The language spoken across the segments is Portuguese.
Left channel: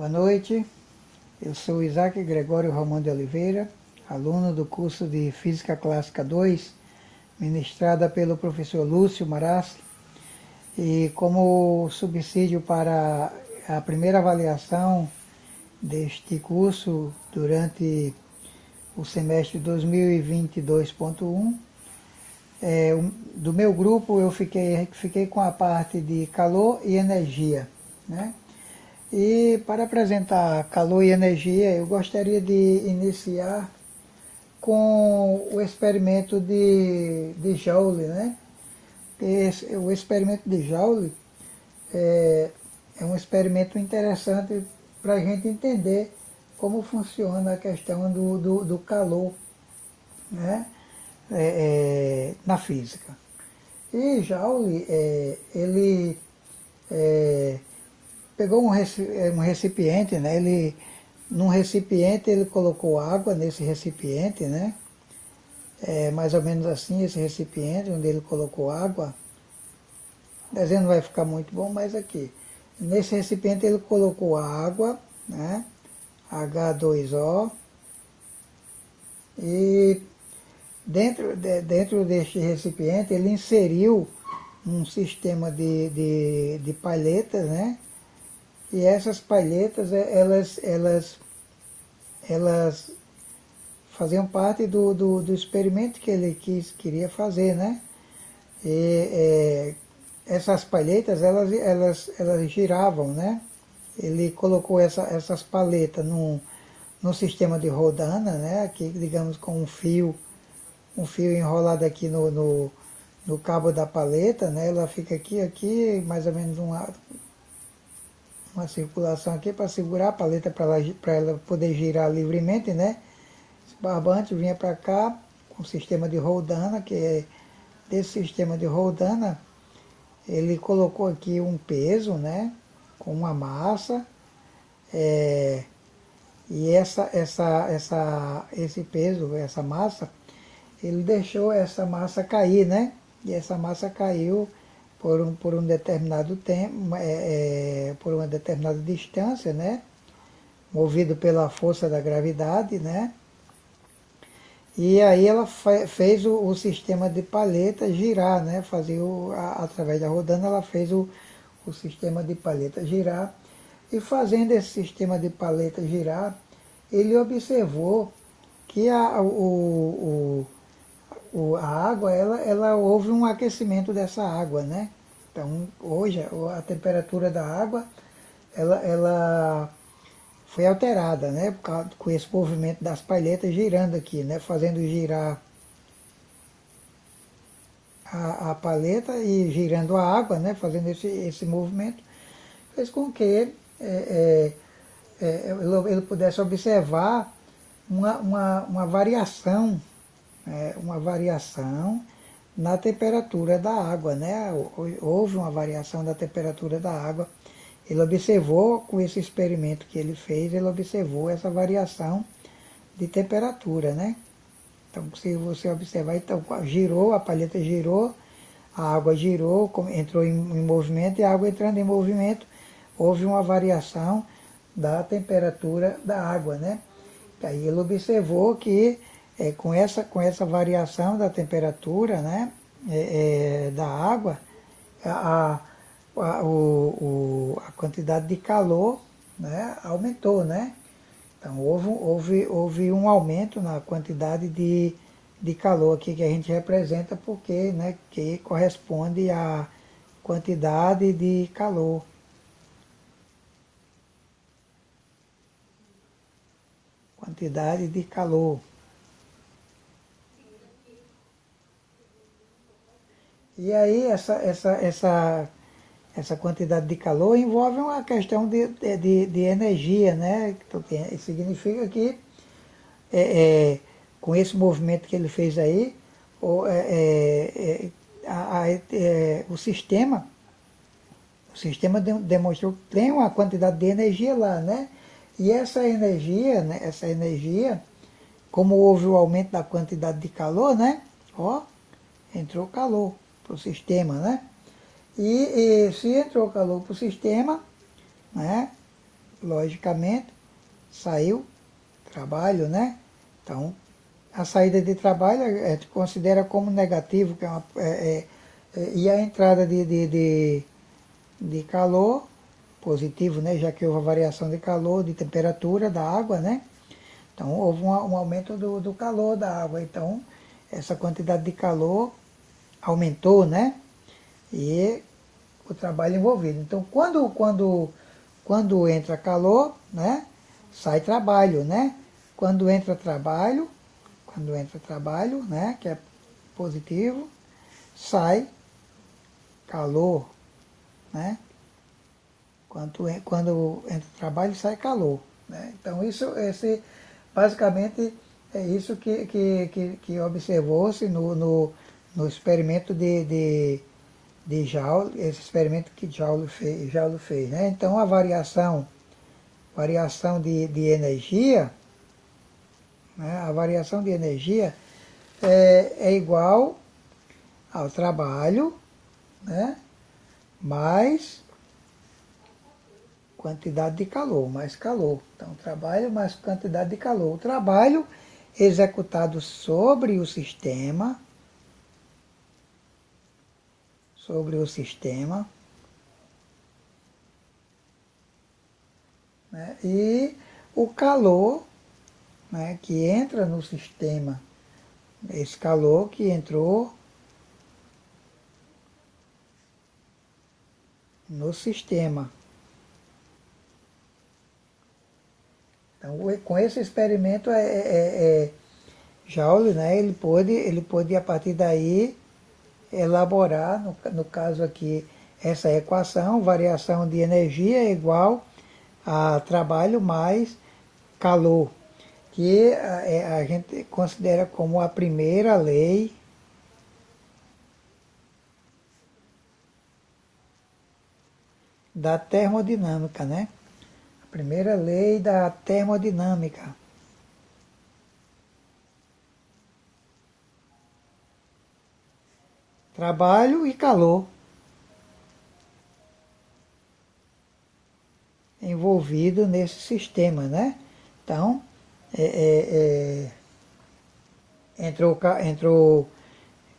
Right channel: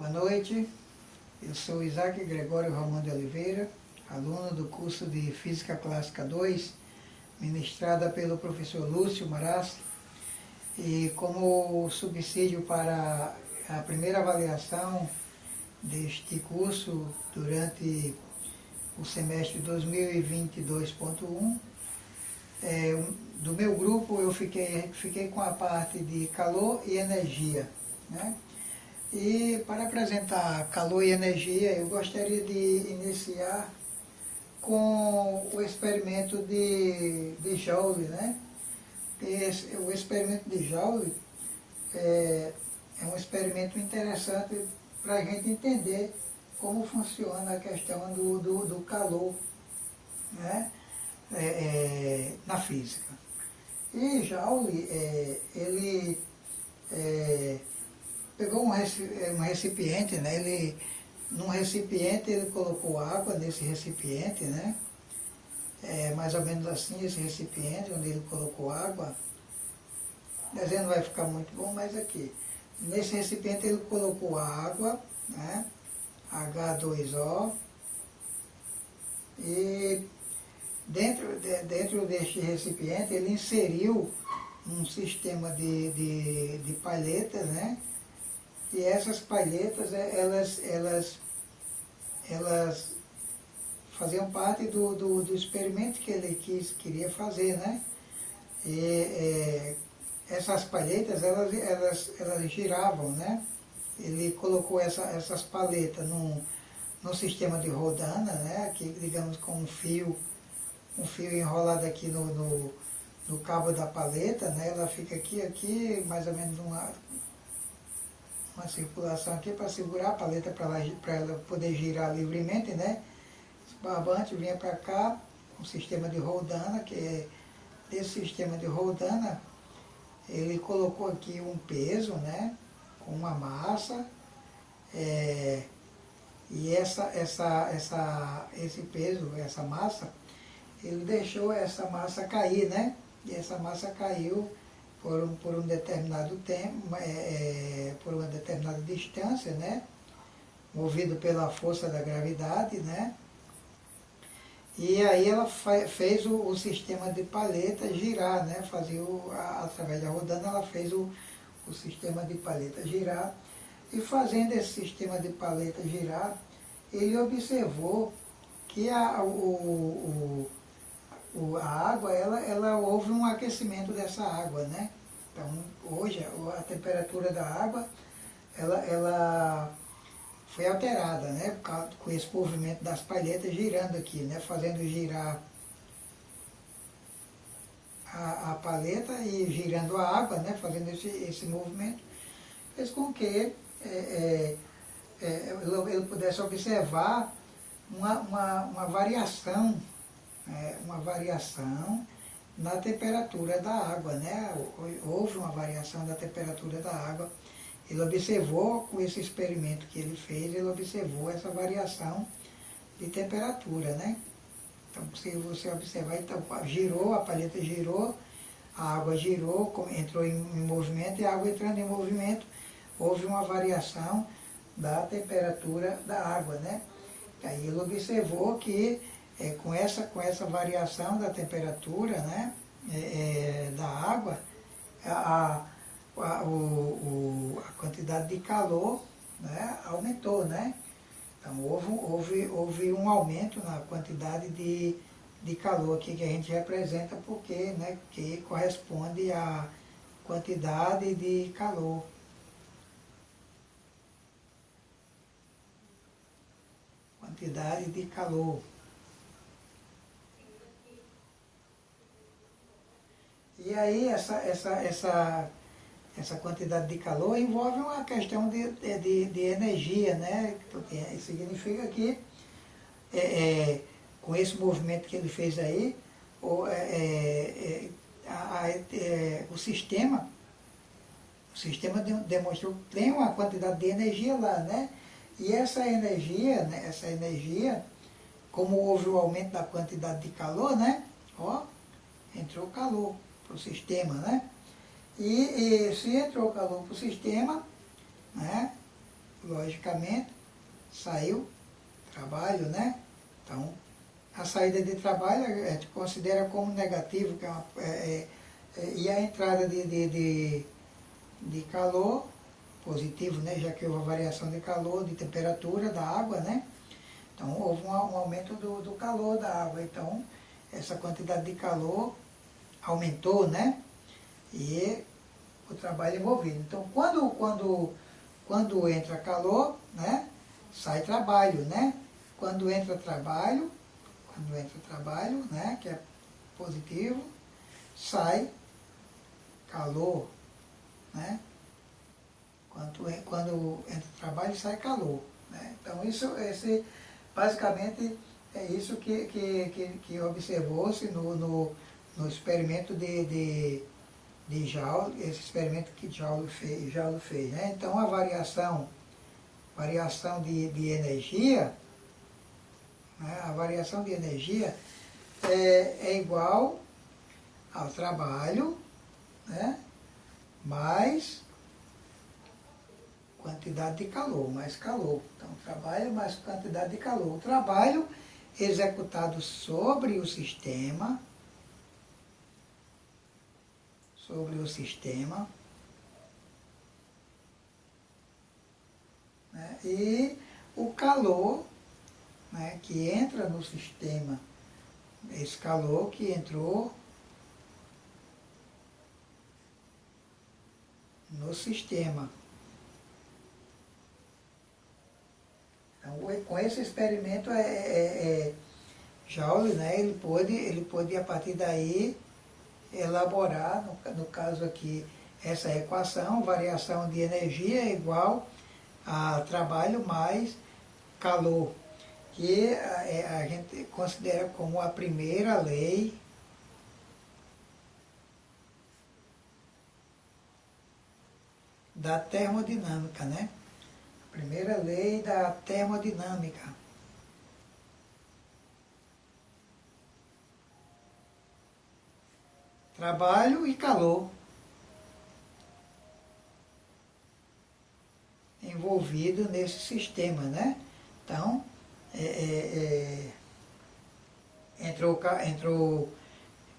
Boa noite, eu sou Isaac Gregório Romão de Oliveira, aluno do curso de Física Clássica 2, ministrada pelo professor Lúcio Marassi, e como subsídio para a primeira avaliação deste curso durante o semestre 2022.1, do meu grupo eu fiquei com a parte de calor e energia, né? E para apresentar calor e energia, eu gostaria de iniciar com o experimento de Joule, né? O experimento de Joule é um experimento interessante para a gente entender como funciona a questão do calor, né? Na física. E Joule, ele pegou um recipiente, né? Num recipiente ele colocou água nesse recipiente, né? Mais ou menos assim esse recipiente onde ele colocou água. O desenho não vai ficar muito bom, mas aqui. Nesse recipiente ele colocou água, né? H2O. E dentro deste recipiente ele inseriu um sistema de palhetas, né? E essas palhetas, elas faziam parte do experimento que ele queria fazer, né? E essas palhetas, elas giravam, né? Ele colocou essas palhetas num sistema de rodana, né? Aqui, digamos, com um fio enrolado aqui no cabo da paleta, né? Ela fica aqui, mais ou menos uma circulação aqui para segurar a paleta para ela poder girar livremente, né? Esse barbante vinha para cá com o sistema de roldana, que é desse sistema de roldana, ele colocou aqui um peso, né? Com uma massa, e esse peso, essa massa, ele deixou essa massa cair, né? E essa massa caiu por um determinado tempo, por uma determinada distância, né? Movido pela força da gravidade, né? E aí ela fez o sistema de palheta girar, né? Através da rodana ela fez o sistema de palheta girar. E fazendo esse sistema de palheta girar, ele observou que a água, ela houve um aquecimento dessa água, né? Então, hoje, a temperatura da água, ela foi alterada, né? Com esse movimento das palhetas girando aqui, né? Fazendo girar a palheta e girando a água, né? Fazendo esse movimento, fez com que ele pudesse observar uma variação, na temperatura da água, né? Houve uma variação da temperatura da água. Ele observou, com esse experimento que ele fez, ele observou essa variação de temperatura, né? Então, se você observar, então, a palheta girou, a água girou, entrou em movimento, e a água entrando em movimento, houve uma variação da temperatura da água, né? Aí ele observou que com essa variação da temperatura, né, da água, a quantidade de calor, né, aumentou, né? Então houve um aumento na quantidade de calor aqui que a gente representa, porque, né, que corresponde à quantidade de calor. Quantidade de calor. E aí essa quantidade de calor envolve uma questão de energia, né? Significa que com esse movimento que ele fez aí, o sistema demonstrou que tem uma quantidade de energia lá, né? E essa energia, né? Como houve o aumento da quantidade de calor, né? Entrou calor para o sistema, né? E se entrou calor para o sistema, né? logicamente, saiu trabalho, né? Então, a saída de trabalho a gente considera como negativo, que e a entrada de calor, positivo, né? Já que houve a variação de calor, de temperatura da água, né? Então, houve um aumento do calor da água. Então, essa quantidade de calor aumentou, né? E o trabalho envolvido. Então, quando entra calor, né? Sai trabalho, né? Quando entra trabalho, né? Que é positivo, sai calor, né? Quando entra trabalho, sai calor, né? Então, basicamente, é isso que observou-se no experimento de Joule, esse experimento que Joule fez, né? Então, a variação de energia, né? A variação de energia é igual ao trabalho, né? Mais quantidade de calor, mais calor. Então, trabalho mais quantidade de calor. O trabalho executado sobre o sistema, né? E o calor, né, que entra no sistema, esse calor que entrou no sistema. Então, com esse experimento, Joule, né, ele pôde, a partir daí, elaborar, no caso aqui, essa equação, variação de energia é igual a trabalho mais calor, que a gente considera como a primeira lei da termodinâmica, né? A primeira lei da termodinâmica. Trabalho e calor envolvido nesse sistema, né? Então,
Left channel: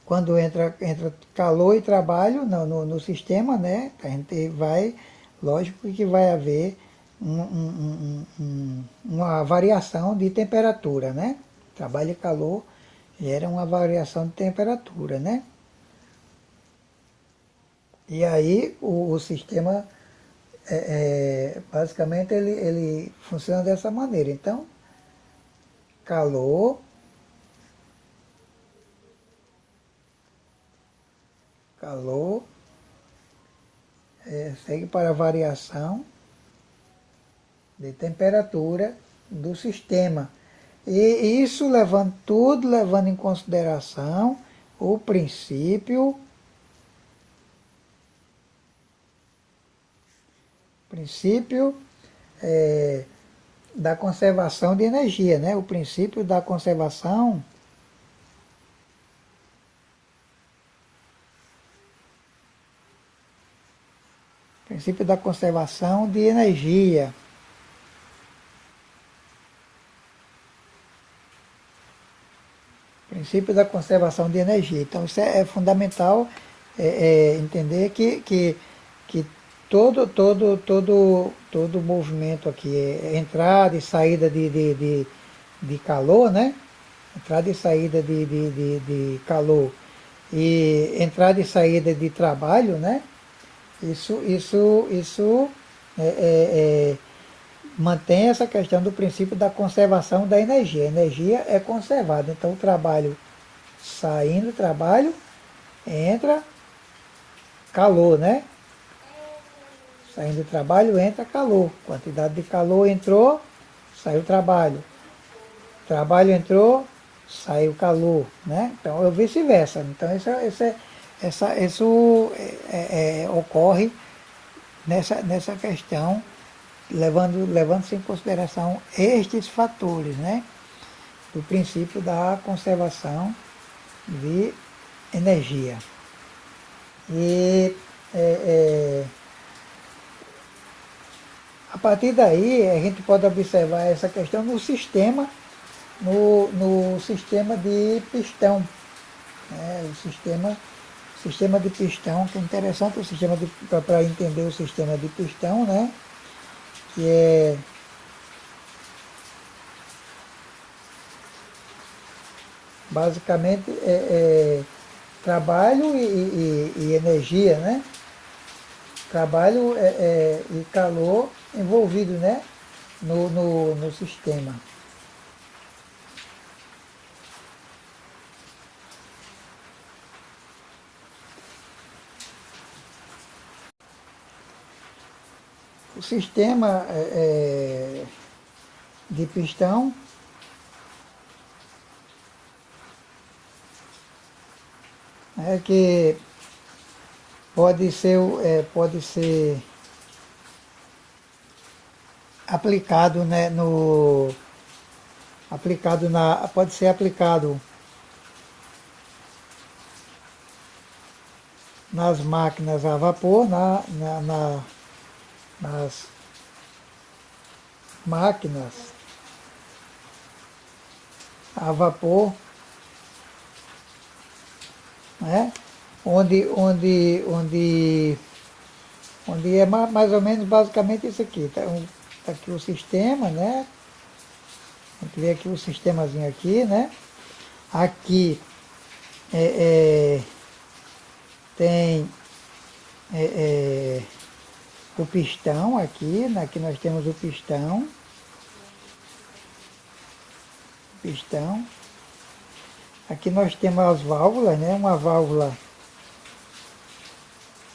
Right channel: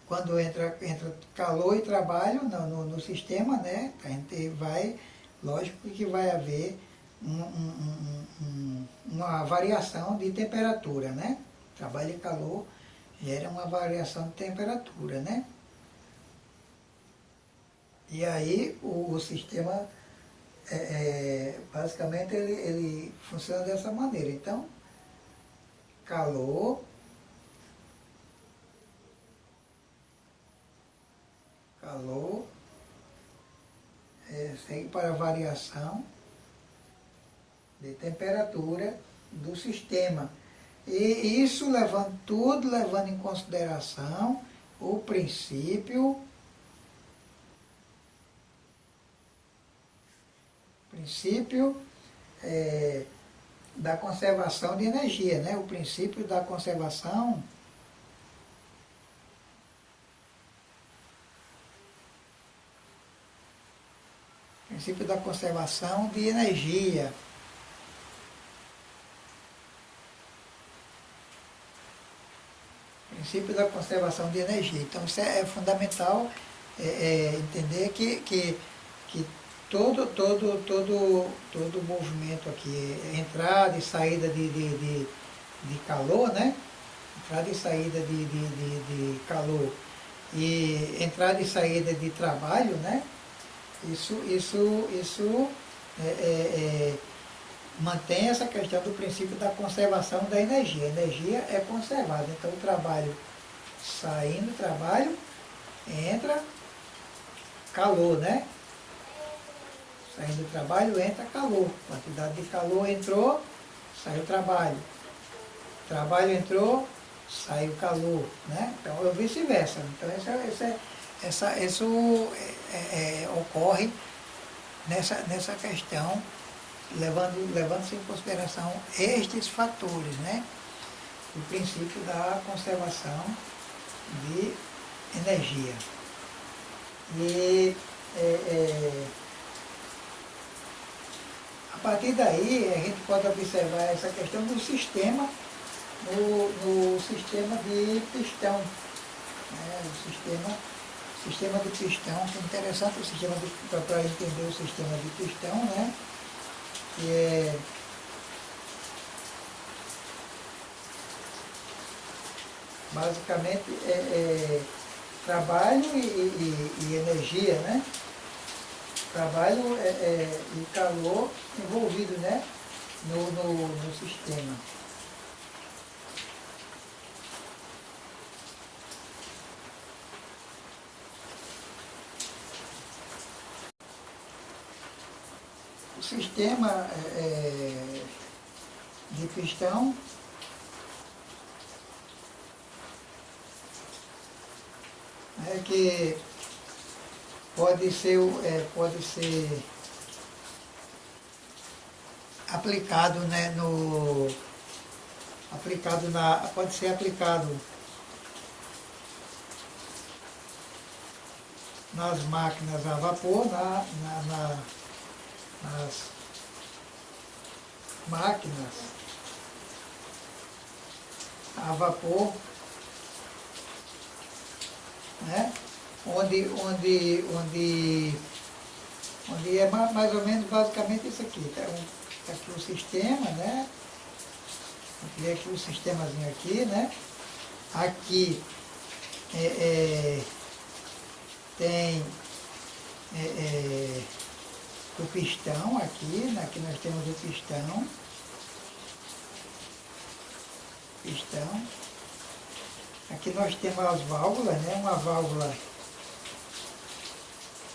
quando entra calor e trabalho no sistema, né? A gente vai, lógico que vai haver uma variação de temperatura, né? Trabalho e calor gera uma variação de temperatura, né? E aí o sistema, basicamente, ele funciona dessa maneira. Então, calor segue para a variação de temperatura do sistema. E isso levando em consideração o princípio da conservação de energia, né? O princípio da conservação de energia. Princípio da conservação de energia. Então, isso é fundamental entender que todo movimento aqui, entrada e saída de calor, né? Entrada e saída de calor e entrada e saída de trabalho, né? Isso mantém essa questão do princípio da conservação da energia. A energia é conservada. Então, o trabalho, saindo trabalho, entra calor, né? Saindo do trabalho, entra calor. Quantidade de calor entrou, saiu trabalho. Trabalho entrou, saiu calor, né? Então, é vice-versa. Então, isso ocorre nessa questão, levando-se em consideração estes fatores, né? O princípio da conservação de energia. E A partir daí, a gente pode observar essa questão no sistema, no sistema de pistão. Né? O sistema de pistão, que é interessante o sistema para entender o sistema de pistão, né? Que é basicamente trabalho e energia, né? Trabalho e calor envolvido, né? no sistema. O sistema de pistão que pode ser aplicado, né, pode ser aplicado nas máquinas a vapor, nas máquinas a vapor, né? onde é mais ou menos basicamente isso aqui. Tá aqui o sistema, né? A gente vê aqui o sistemazinho aqui, né? Aqui tem o pistão aqui, aqui nós temos o pistão. Aqui nós temos as válvulas, né? Uma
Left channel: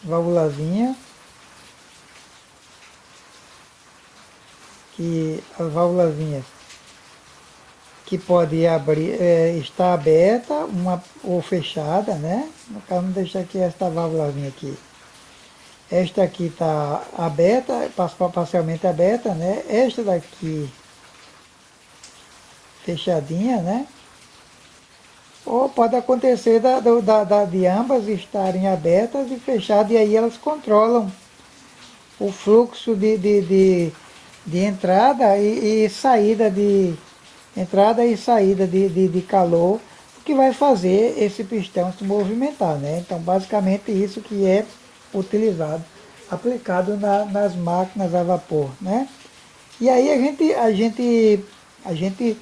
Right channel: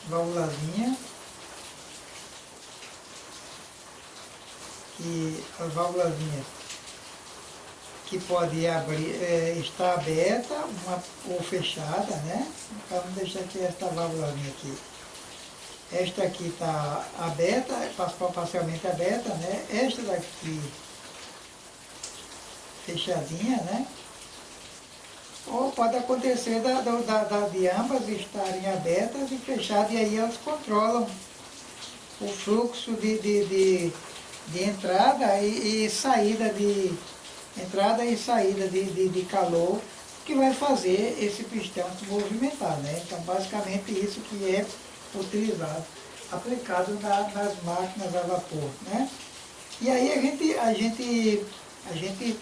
válvulazinha, que as válvulazinhas que pode abrir, estar aberta ou fechada, né? Vamos deixar aqui esta válvulazinha aqui. Esta aqui está aberta, parcialmente aberta, né? Esta daqui fechadinha, né? Ou pode acontecer de ambas estarem abertas e fechadas, e aí elas controlam o fluxo de entrada e saída de calor, que vai fazer esse pistão se movimentar, né? Então, basicamente isso que é utilizado, aplicado nas máquinas a vapor, né? E aí a gente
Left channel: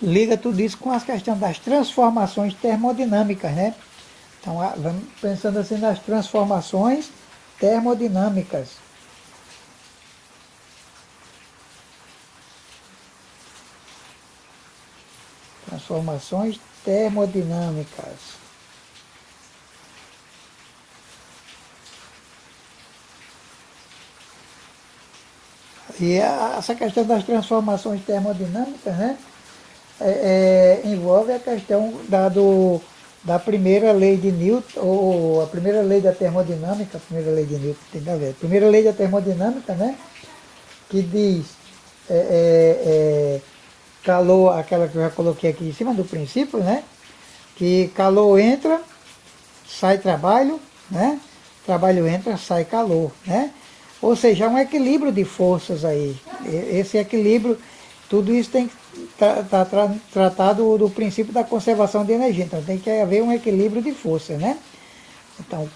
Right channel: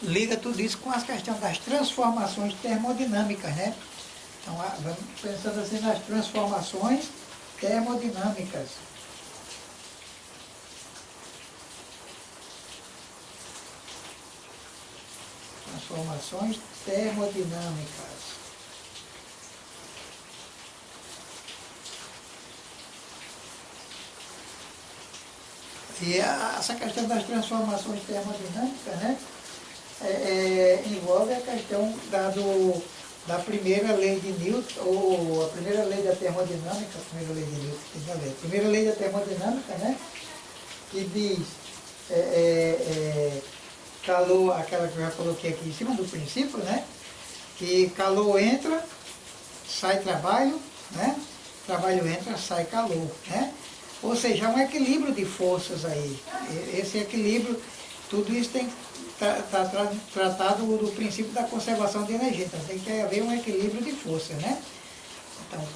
liga tudo isso com a questão das transformações termodinâmicas, né? Então, vamos pensando assim nas transformações termodinâmicas. Transformações termodinâmicas. E essa questão das transformações termodinâmicas, né? Envolve a questão da primeira lei de Newton, ou a primeira lei da termodinâmica, a primeira lei de Newton, tem que ver, a primeira lei da termodinâmica, né, que diz calor, aquela que eu já coloquei aqui em cima do princípio, né, que calor entra, sai trabalho, né, trabalho entra, sai calor, né, ou seja, é um equilíbrio de forças aí. Esse equilíbrio, tudo isso tem tratado do princípio da conservação de energia. Então tem que haver um equilíbrio de força, né? Então,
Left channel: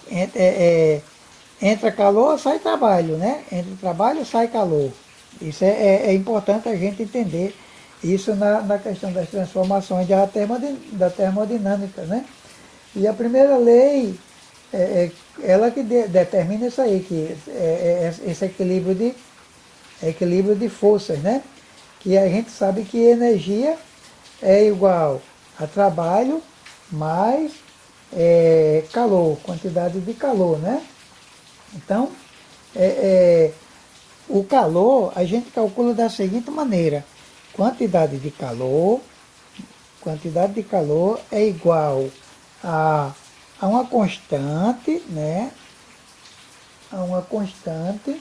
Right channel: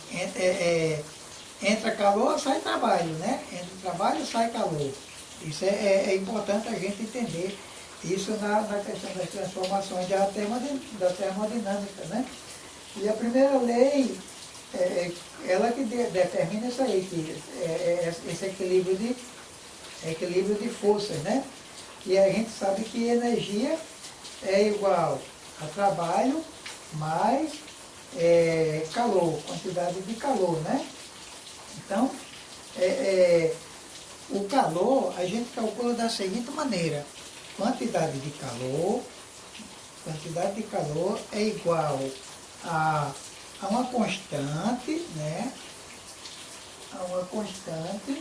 entra calor, sai trabalho, né? Entra trabalho, sai calor. Isso é importante a gente entender isso na questão das transformações da termodinâmica, né? E a primeira lei, ela que determina isso aí, que esse equilíbrio de forças, né? Que a gente sabe que energia é igual a trabalho mais calor, quantidade de calor, né? Então, o calor a gente calcula da seguinte maneira: quantidade de calor é igual a uma constante, né? A uma constante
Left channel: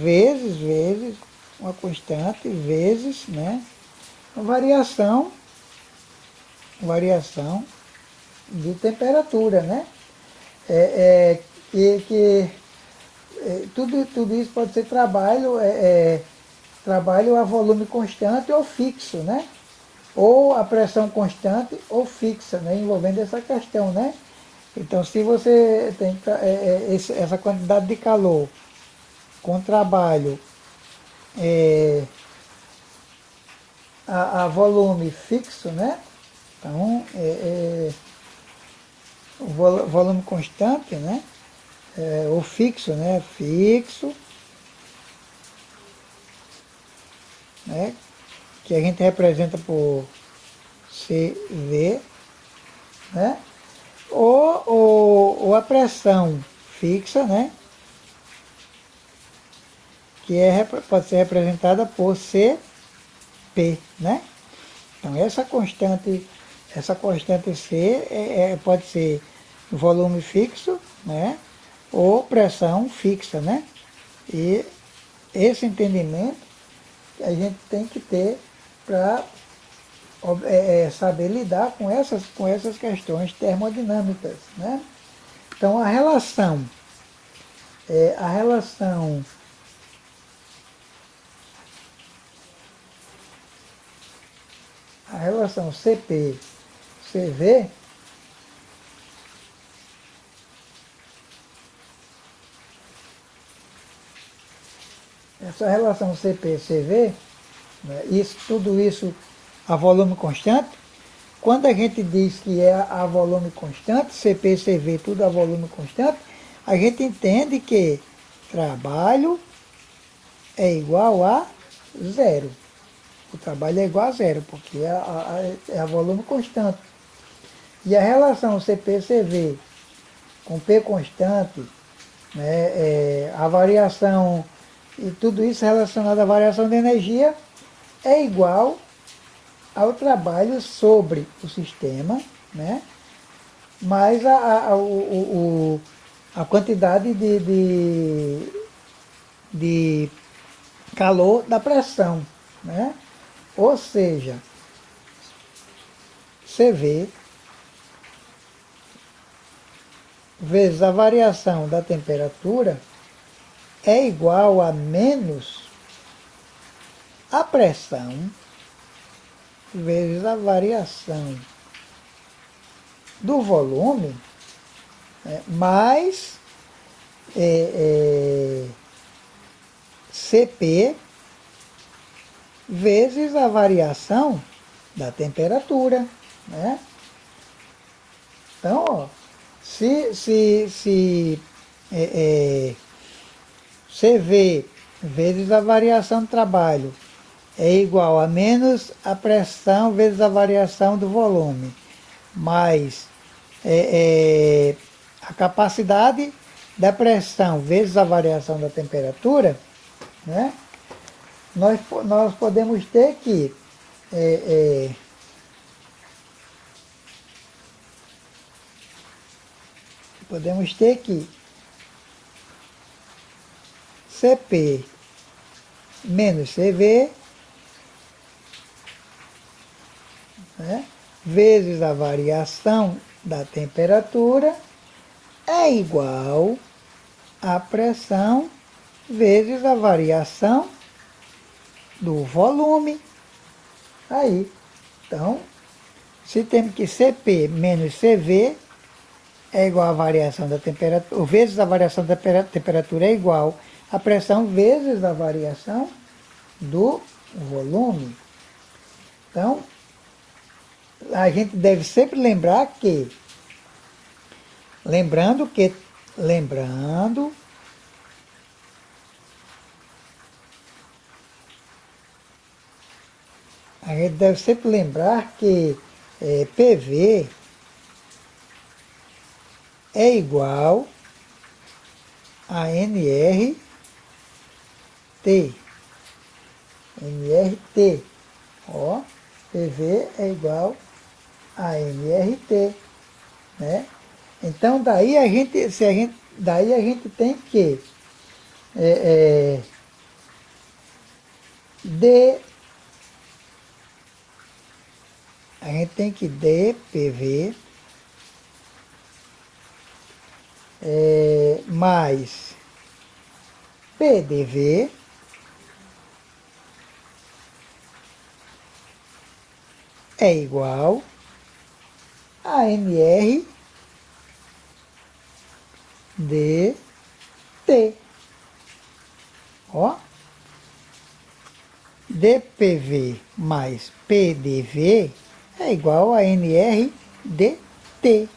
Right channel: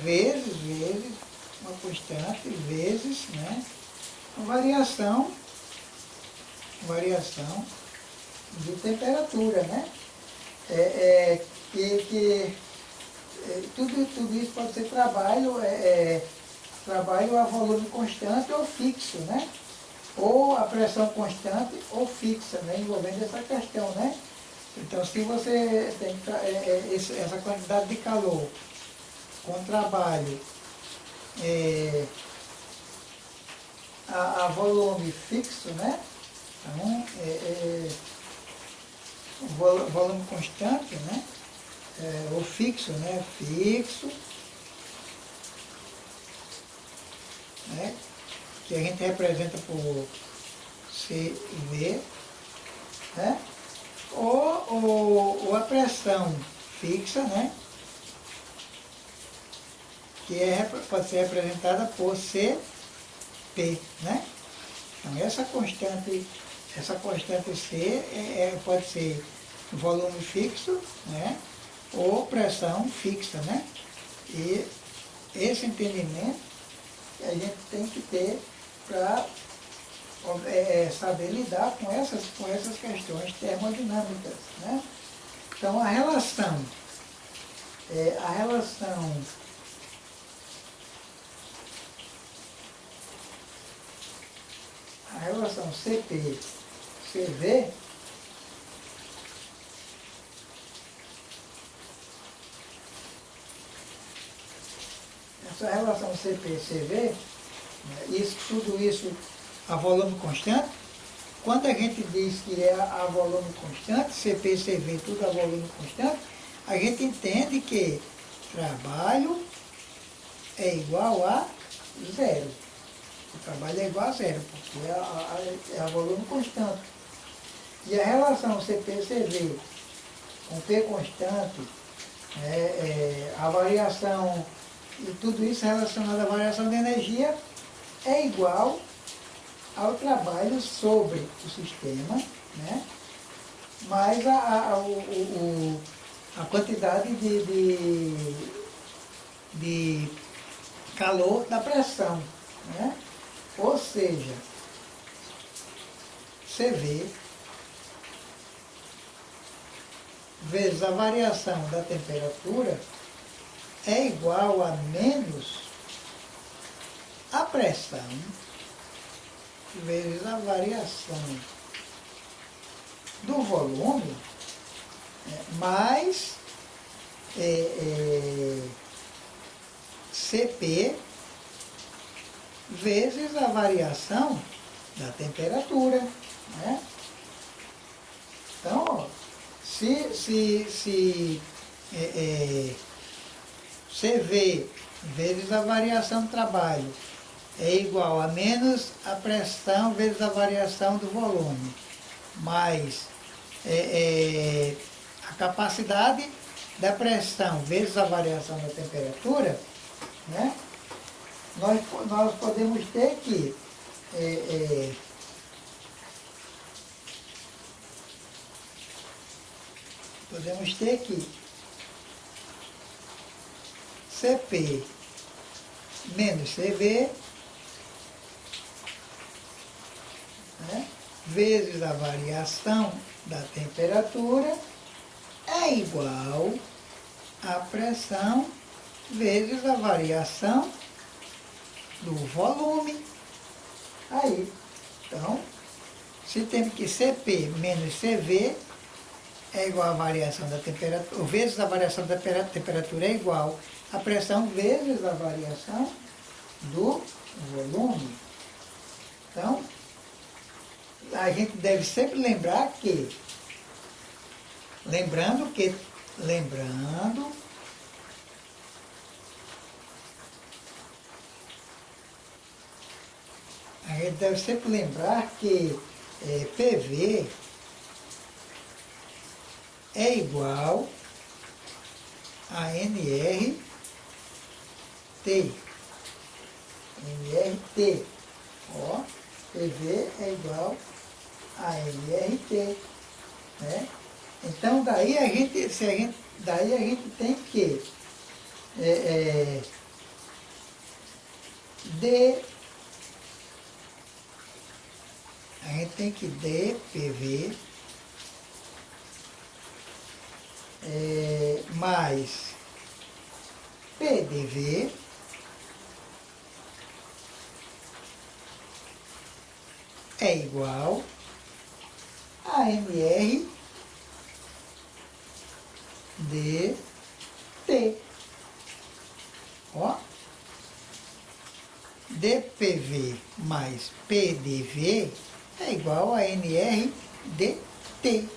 vezes, uma constante, vezes, né? Variação de temperatura, né? e que tudo isso pode ser trabalho a volume constante ou fixo, né? Ou a pressão constante ou fixa, né? Envolvendo essa questão, né? Então, se você tem essa quantidade de calor com trabalho a volume fixo, né? Então, o volume constante, né? Ou fixo, né? Fixo, né? Que a gente representa por CV, né? Ou a pressão fixa, né? Que pode ser representada por CP, né? Então essa constante C pode ser volume fixo, né? Ou pressão fixa, né? E esse entendimento a gente tem que ter para saber lidar com essas questões termodinâmicas, né? Então a relação CP-CV, essa relação CP-CV, né, tudo isso a volume constante, quando a gente diz que é a volume constante, CP-CV tudo a volume constante, a gente entende que trabalho é igual a zero. O trabalho é igual a zero, porque é a volume constante. E a relação CP-CV com P constante, né, a variação, e tudo isso relacionado à variação de energia, é igual ao trabalho sobre o sistema, né, mais a quantidade de calor da pressão, né? Ou seja, CV vezes a variação da temperatura é igual a menos a pressão vezes a variação do volume, né, mais CP vezes a variação da temperatura, né? Então, ó, se CV vezes a variação do trabalho é igual a menos a pressão vezes a variação do volume, mais a capacidade da pressão vezes a variação da temperatura, né? Nós podemos ter que CP menos CV, né, vezes a variação da temperatura é igual a pressão vezes a variação do volume. Aí, então, se temos que CP menos CV é igual a variação da temperatura, vezes a variação da temperatura é igual a pressão vezes a variação do volume. Então, a gente deve sempre lembrar que, lembrando, a gente deve sempre lembrar que PV é igual a nRT. nRT. Ó, PV é igual a nRT, né? Então daí a gente tem que dPV mais PDV é igual a NR dt. Ó, dPV mais PDV é igual a NR dt.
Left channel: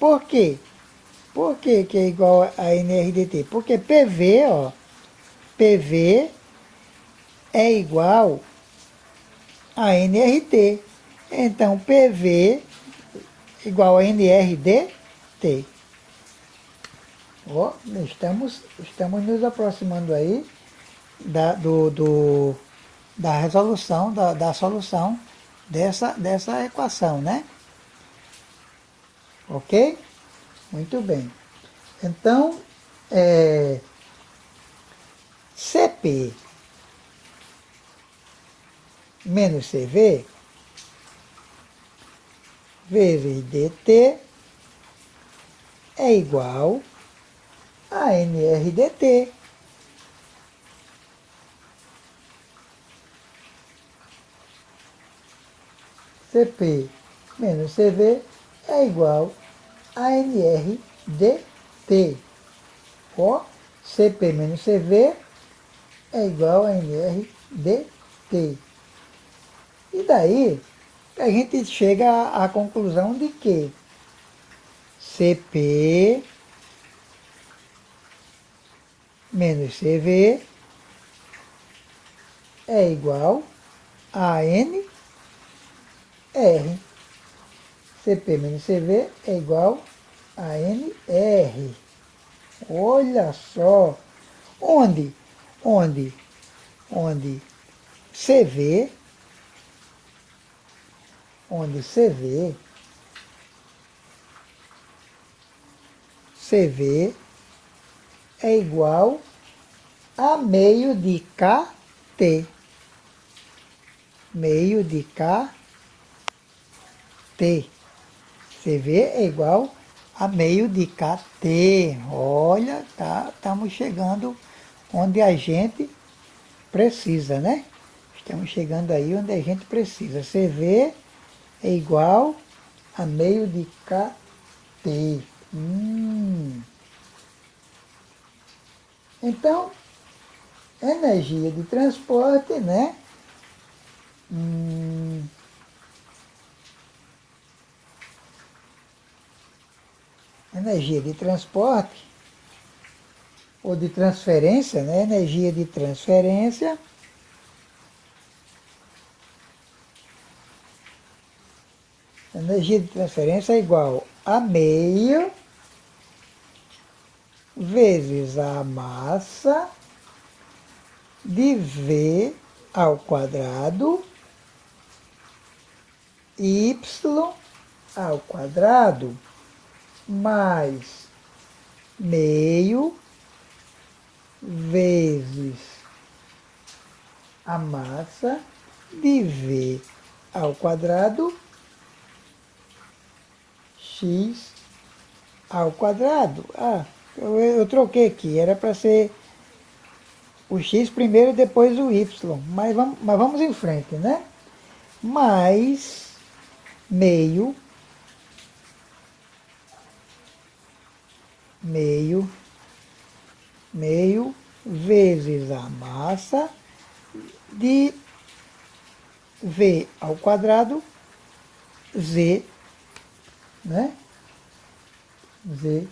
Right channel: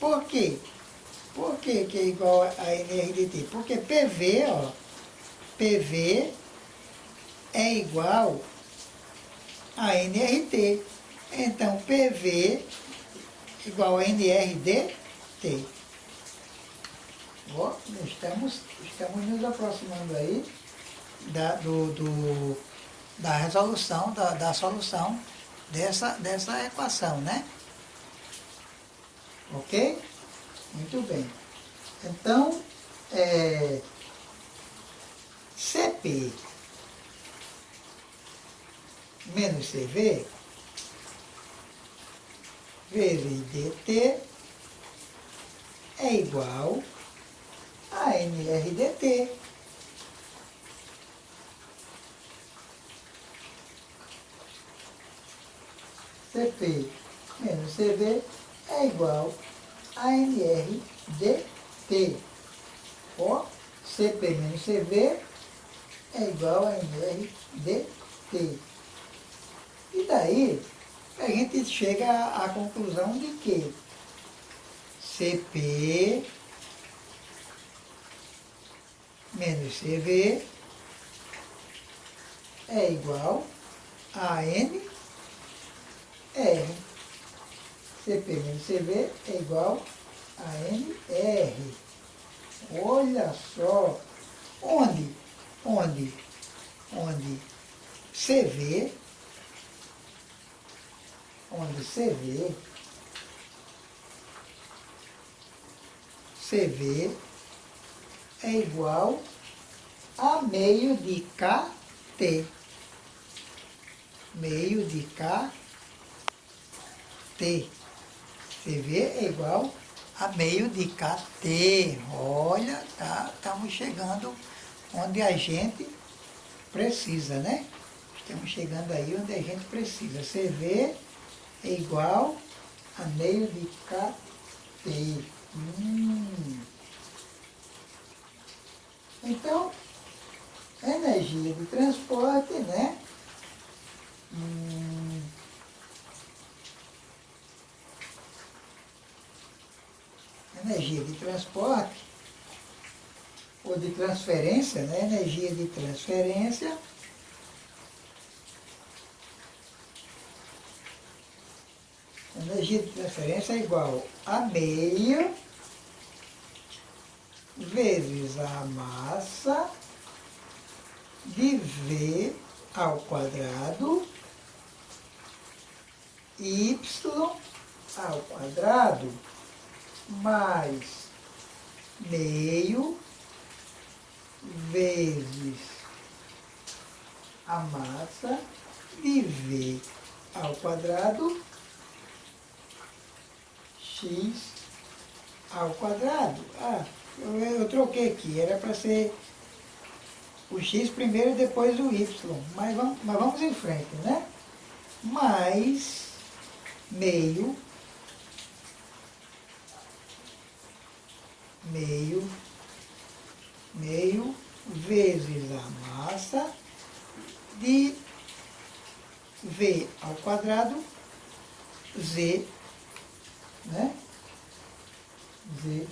Por quê? Por que é igual a NR dt? Porque PV, ó, PV é igual a NRT. Então, PV igual a NRDT. Ó, estamos nos aproximando aí da resolução, da solução dessa equação, né? Ok? Muito bem. Então, CP menos CV vezes DT é igual a NRDT. CP menos CV é igual a NRDT. Ó, CP menos CV é igual a NRDT. E daí a gente chega à conclusão de que CP menos CV é igual a NR. CP menos CV é igual a NR. Olha só. Onde CV é igual a meio de KT. Meio de KT. CV é igual a meio de KT. Olha, estamos chegando onde a gente precisa, né? Estamos chegando aí onde a gente precisa. CV é igual a meio de KT. Então, energia de transporte, né? Energia de transporte ou de transferência, né? Energia de transferência é igual a meio vezes a massa de V ao quadrado y ao quadrado mais meio vezes a massa de V ao quadrado x ao quadrado. Ah, eu troquei aqui, era para ser o x primeiro e depois o y, mas vamos em frente, né? Mais meio vezes a massa de V ao quadrado Z, né? V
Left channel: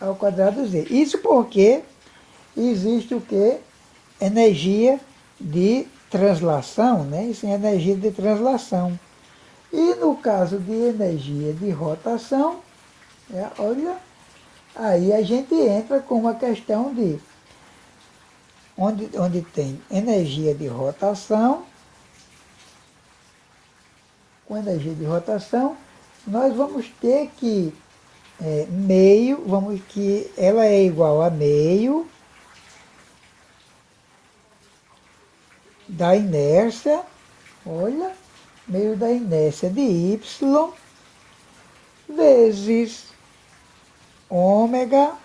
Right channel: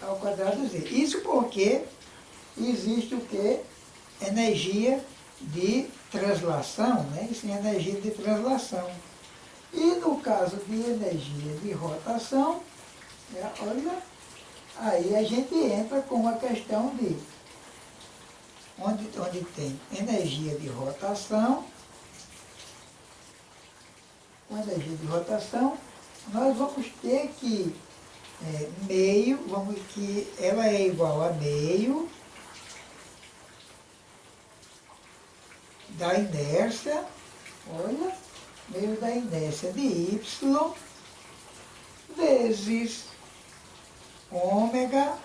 ao quadrado Z. Isso porque existe o que? Energia de translação, né? Isso é energia de translação. E no caso de energia de rotação, olha, aí a gente entra com uma questão de onde tem energia de rotação. Com energia de rotação, nós vamos ter que que ela é igual a meio da inércia, olha, meio da inércia de y vezes ômega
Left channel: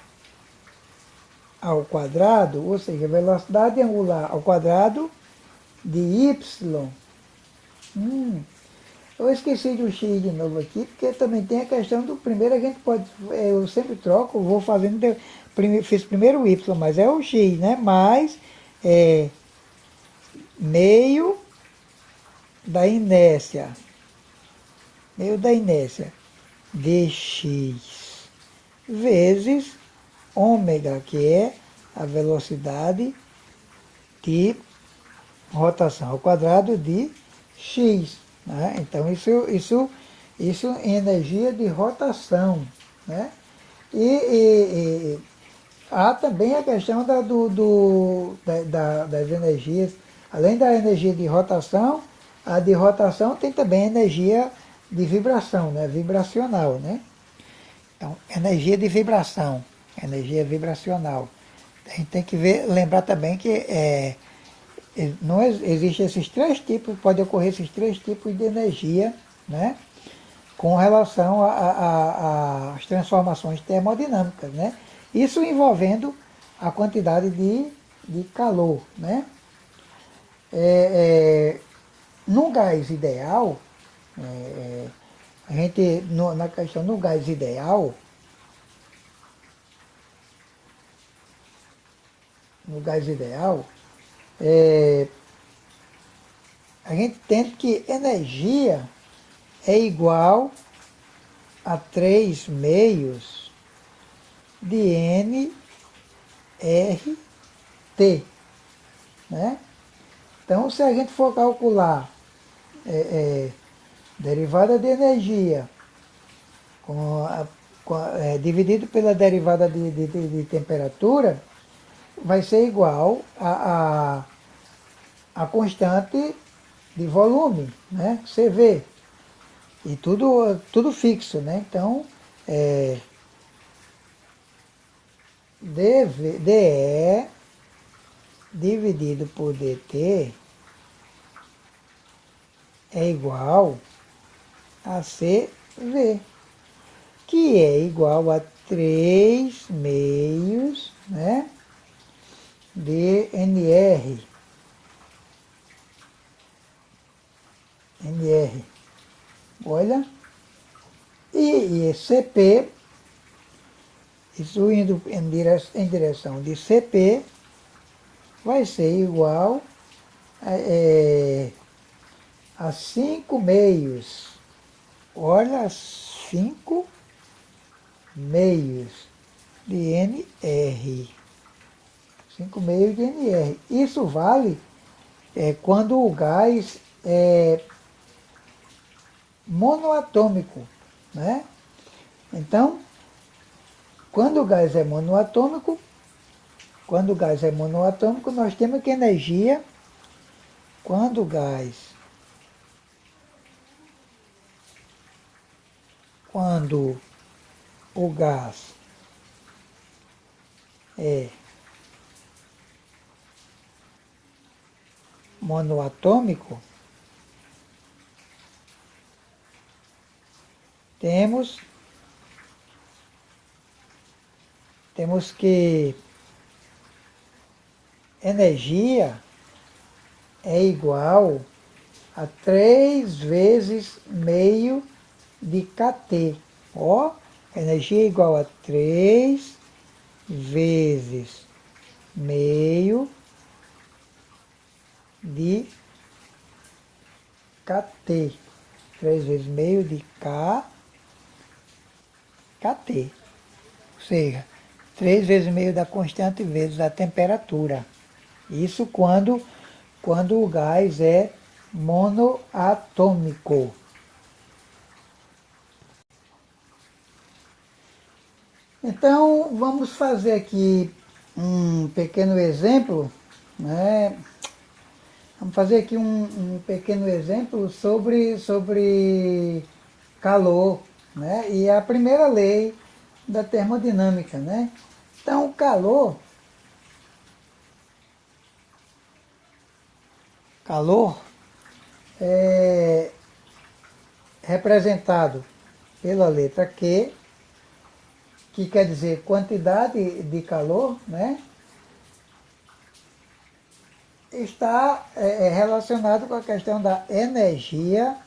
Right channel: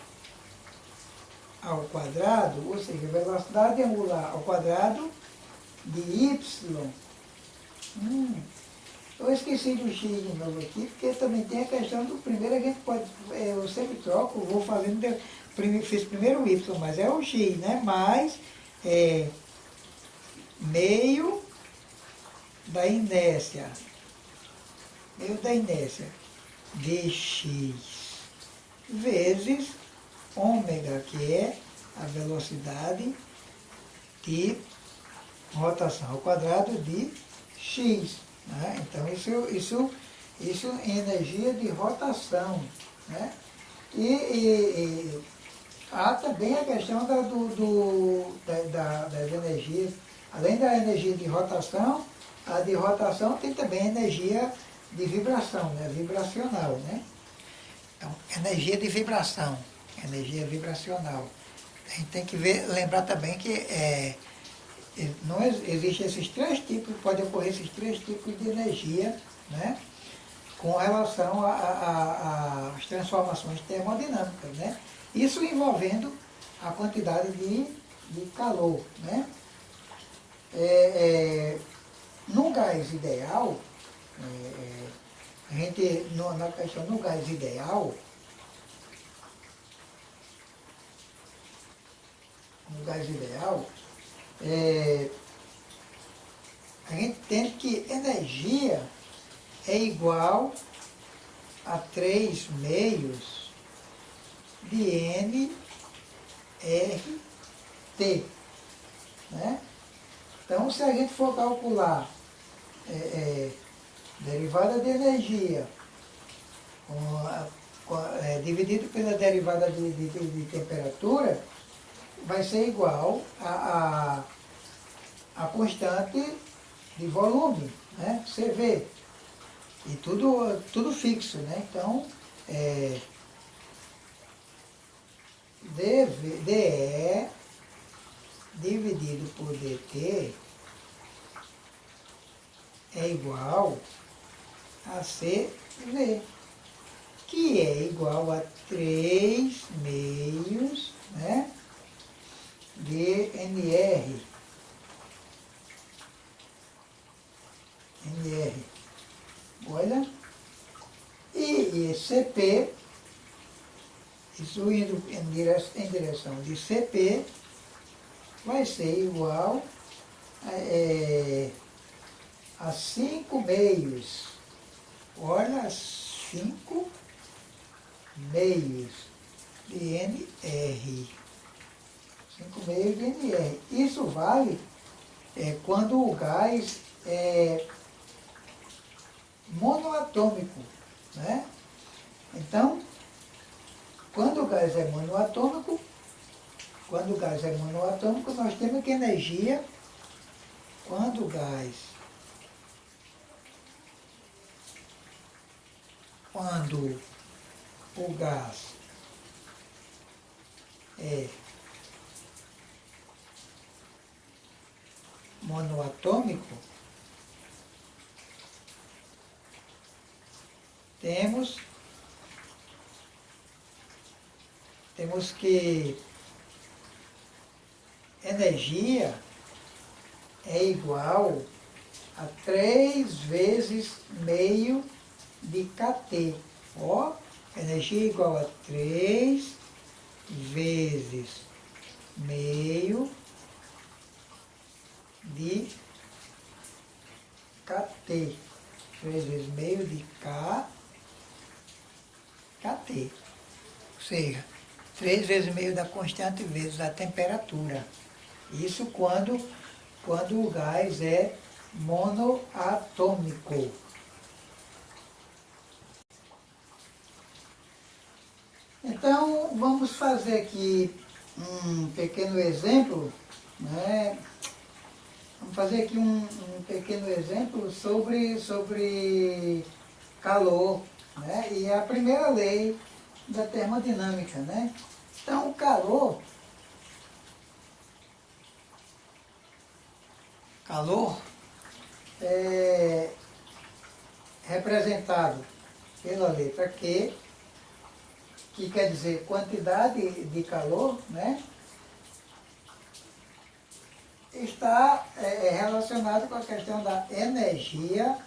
ao quadrado, ou seja, velocidade angular ao quadrado de y. Eu esqueci do x de novo aqui, porque também tem a questão do primeiro, a gente pode, eu sempre troco, vou fazendo, fiz primeiro o y, mas é o x, né? Mais meio da inércia, dx, vezes ômega, que é a velocidade de rotação ao quadrado de x. Né? Então, isso em energia de rotação. Né? E há também a questão das energias, além da energia de rotação, a de rotação tem também energia de vibração, né? Vibracional. Né? Então, energia de vibração, energia vibracional. A gente tem que lembrar também que não existe esses três tipos, pode ocorrer esses três tipos de energia, né? Com relação às transformações termodinâmicas, né? Isso envolvendo a quantidade de calor, né? No gás ideal, a gente, na questão do gás ideal, a gente tem que energia é igual a 3 meios de nRT. Né? Então, se a gente for calcular derivada de energia dividido pela derivada de temperatura, vai ser igual a constante de volume, né? CV. E tudo fixo, né? Então, DE dividido por DT é igual a CV, que é igual a 3 meios, né, de NR. Olha. E CP, isso indo em direção de CP, vai ser igual a 5 meios. Olha, 5 meios de NR. 5 meios de NR. Isso vale quando o gás é monoatômico. Né? Então, quando o gás é monoatômico, nós temos que energia, quando o gás é monoatômico, temos que energia é igual a 3 vezes meio de kT. Ó, energia é igual a 3 vezes meio de kT. 3 vezes meio de kT. Ou seja, 3 vezes meio da constante vezes a temperatura. Isso quando o gás é monoatômico. Então, vamos fazer aqui um pequeno exemplo, né? Vamos fazer aqui um pequeno exemplo sobre calor, né? E a primeira lei da termodinâmica, né? Então, o calor é representado pela letra Q, que quer dizer quantidade de calor, né? Está relacionado com a questão da energia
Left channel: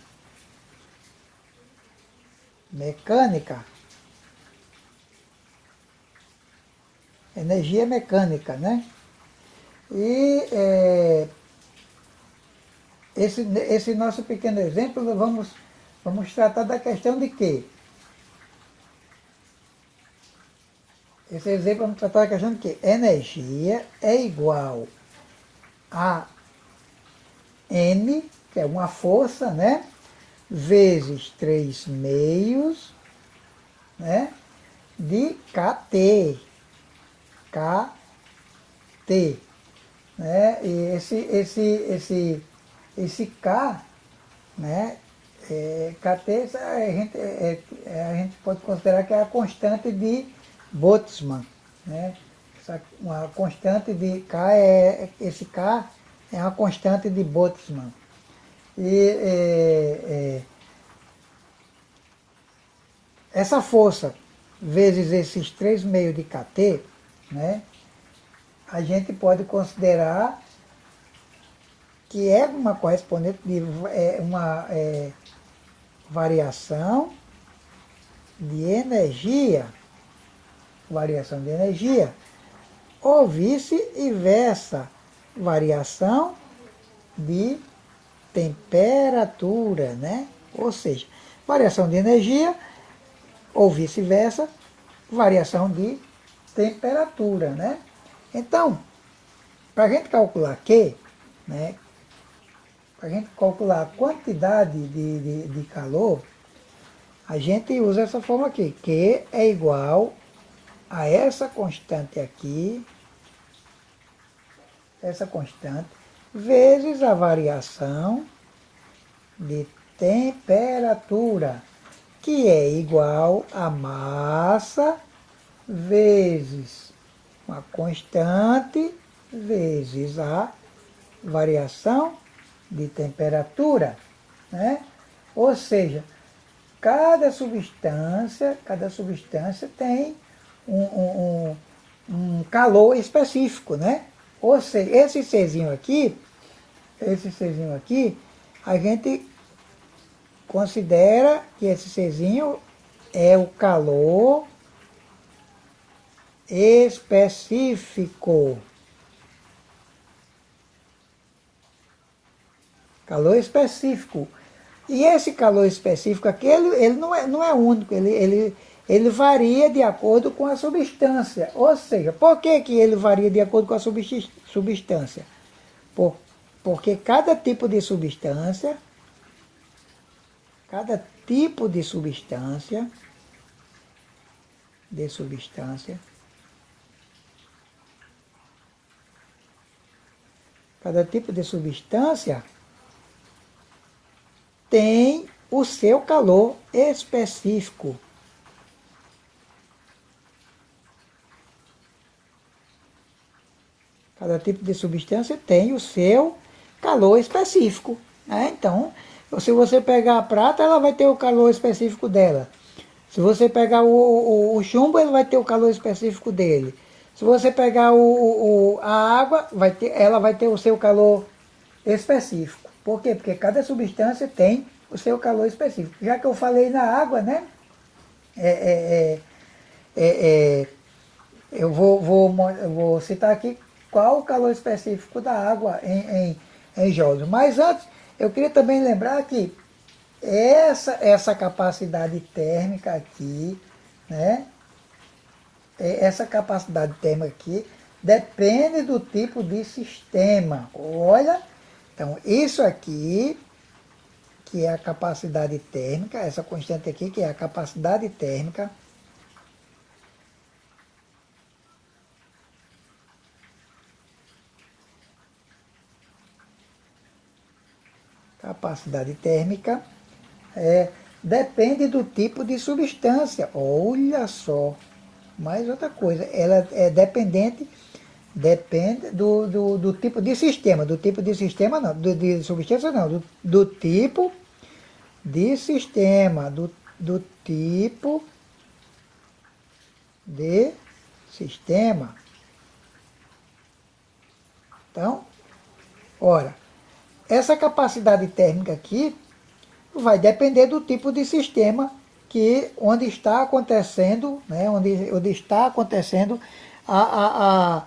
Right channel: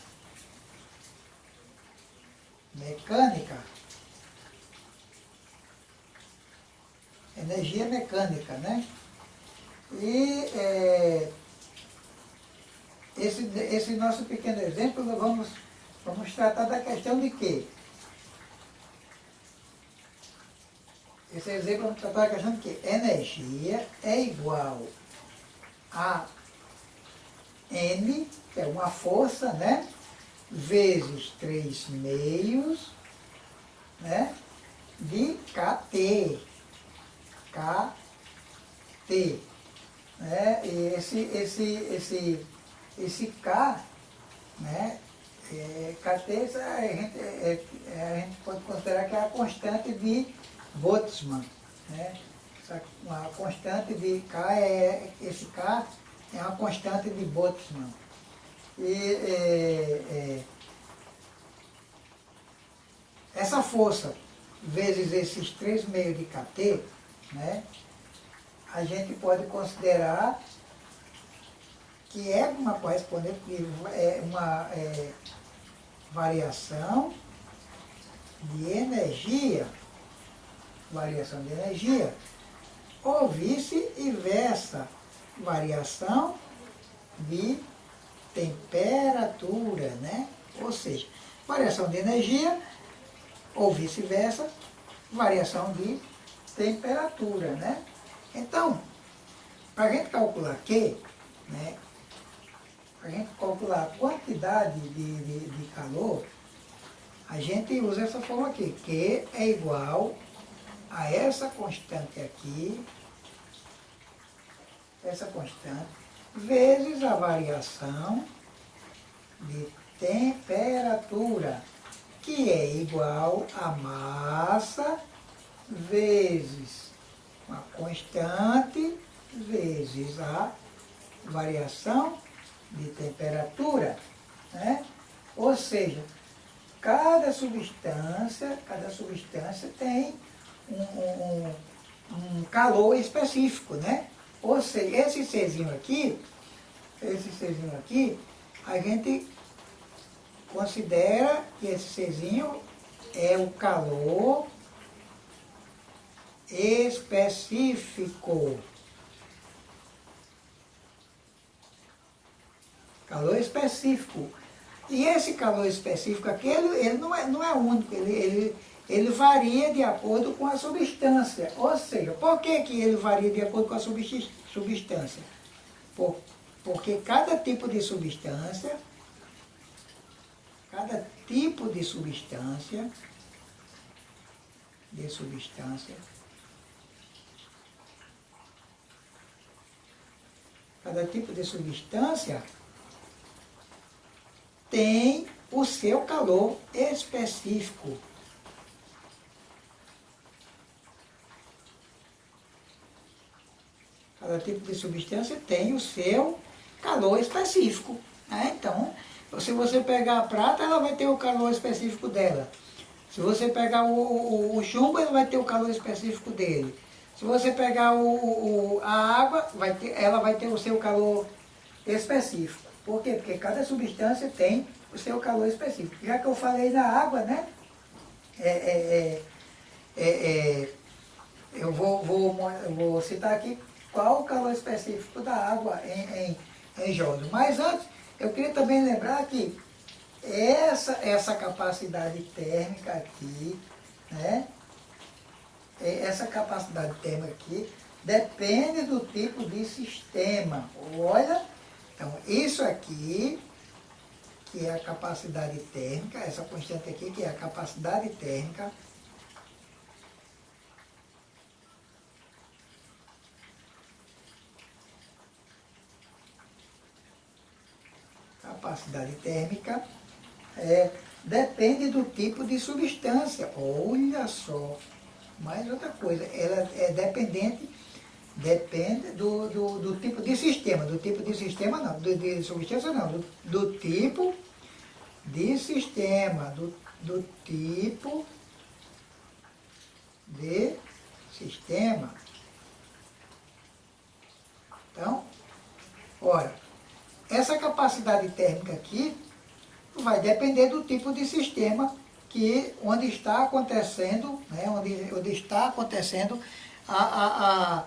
mecânica. Energia mecânica, né? E esse nosso pequeno exemplo, vamos tratar da questão de quê? Esse exemplo vamos tratar da questão de que energia é igual a N, que é uma força, né? Vezes 3 meios, né? De KT. KT. Né? E esse K, né? KT a gente pode considerar que é a constante de Boltzmann, né? Uma constante de K esse K é uma constante de Boltzmann. E essa força vezes esses 3 meios de KT, né? A gente pode considerar que é uma correspondente de uma variação de energia, ou vice-versa, variação de temperatura, né? Ou seja, variação de energia, ou vice-versa, variação de temperatura, né? Então, para a gente calcular Q, né? Para a gente calcular a quantidade de calor, a gente usa essa forma aqui. Q é igual a essa constante aqui, essa constante, vezes a variação de temperatura, que é igual a massa vezes uma constante vezes a variação de temperatura, né? Ou seja, cada substância tem um calor específico, né? Ou seja, esse Czinho aqui, a gente considera que esse Czinho é o calor específico. Calor específico. E esse calor específico aqui, ele não é único, ele varia de acordo com a substância. Ou seja, por que ele varia de acordo com a substância? Porque cada tipo de substância, cada tipo de substância tem o seu calor específico. Cada tipo de substância tem o seu calor específico, né? Então, se você pegar a prata, ela vai ter o calor específico dela. Se você pegar o chumbo, ele vai ter o calor específico dele. Se você pegar a água, ela vai ter o seu calor específico. Por quê? Porque cada substância tem o seu calor específico. Já que eu falei na água, né? Eu vou citar aqui qual o calor específico da água em joules. Mas antes, eu queria também lembrar que essa capacidade térmica aqui, né? Essa capacidade térmica aqui depende do tipo de sistema. Olha, então isso aqui, que é a capacidade térmica, essa constante aqui, que é a capacidade térmica, depende do tipo de substância. Olha só, mais outra coisa, ela é depende do tipo de sistema, não, de substância não, do tipo de sistema, do tipo de sistema. Então, ora, essa capacidade térmica aqui vai depender do tipo de sistema onde está acontecendo, né, onde está acontecendo a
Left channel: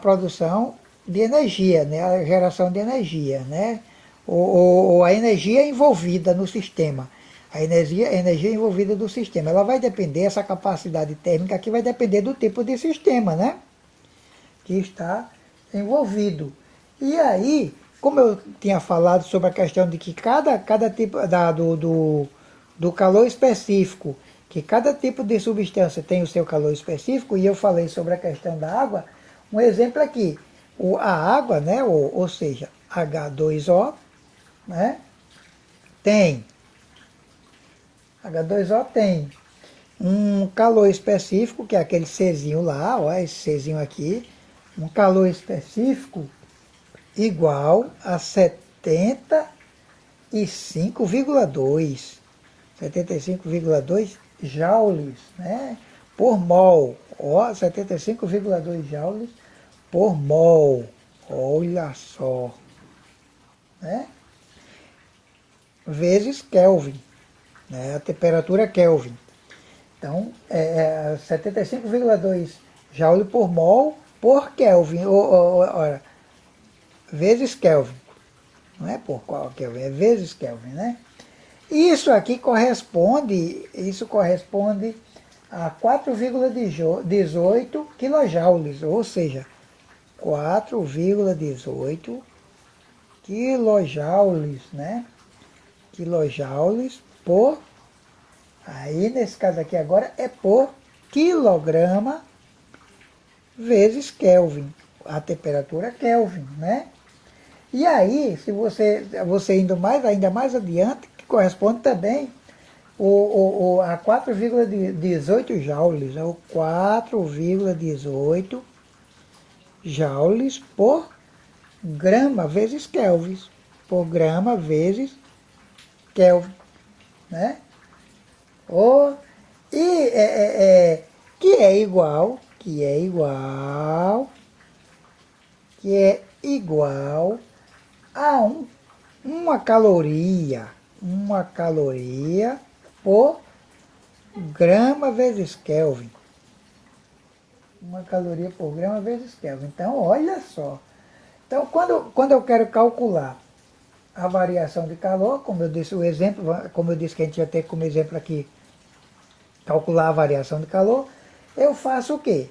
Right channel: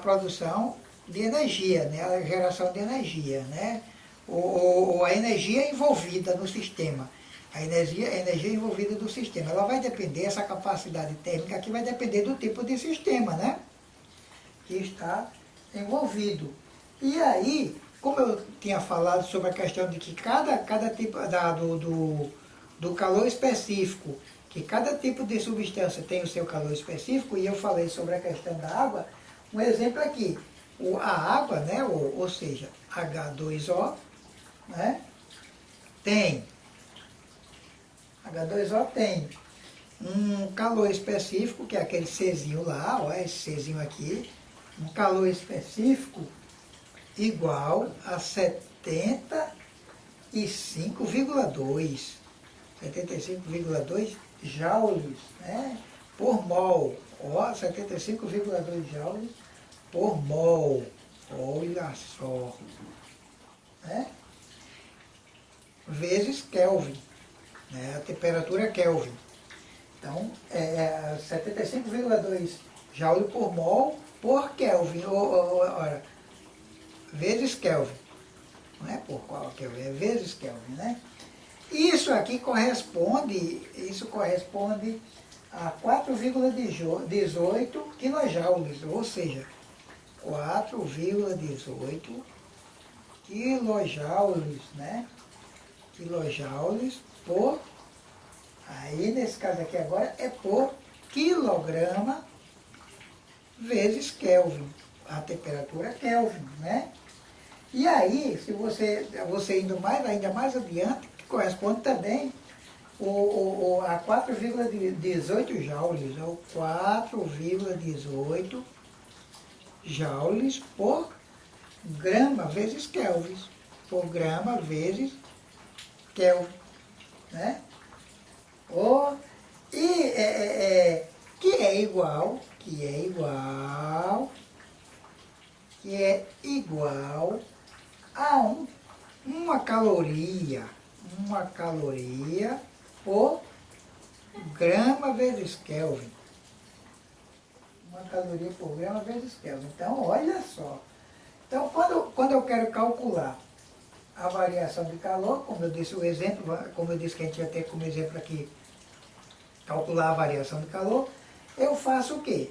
produção de energia, né, a geração de energia, né, ou a energia envolvida no sistema. A energia envolvida do sistema. Ela vai depender, essa capacidade térmica aqui vai depender do tipo de sistema, né, que está envolvido. E aí, como eu tinha falado sobre a questão de que cada tipo do calor específico, que cada tipo de substância tem o seu calor específico, e eu falei sobre a questão da água, um exemplo aqui, a água, né, ou seja, H2O, né, H2O tem um calor específico, que é aquele Czinho lá, ó, esse Czinho aqui, um calor específico igual a 75,2 joules, né, por mol. Ó, 75,2 joules por mol. Olha só. Né? Vezes Kelvin, né, a temperatura Kelvin. Então, 75,2 joule por mol por Kelvin. Ora, vezes Kelvin. Não é por qual Kelvin, é vezes Kelvin, né? Isso aqui corresponde a 4,18 quilojoules, ou seja, 4,18 quilojoules, né? Quilojoules por, aí nesse caso aqui agora é por quilograma vezes Kelvin, a temperatura Kelvin, né? E aí, se você indo ainda mais adiante, corresponde também a 4,18 joules, ou 4,18 joules por grama vezes Kelvin, por grama vezes Kelvin, né? Que é igual a uma caloria por grama vezes Kelvin. Uma caloria por grama vezes Kelvin. Então, olha só. Então, quando eu quero calcular a variação de calor, como eu disse o exemplo, como eu disse que a gente ia ter como exemplo aqui, calcular a variação de calor, eu faço o quê?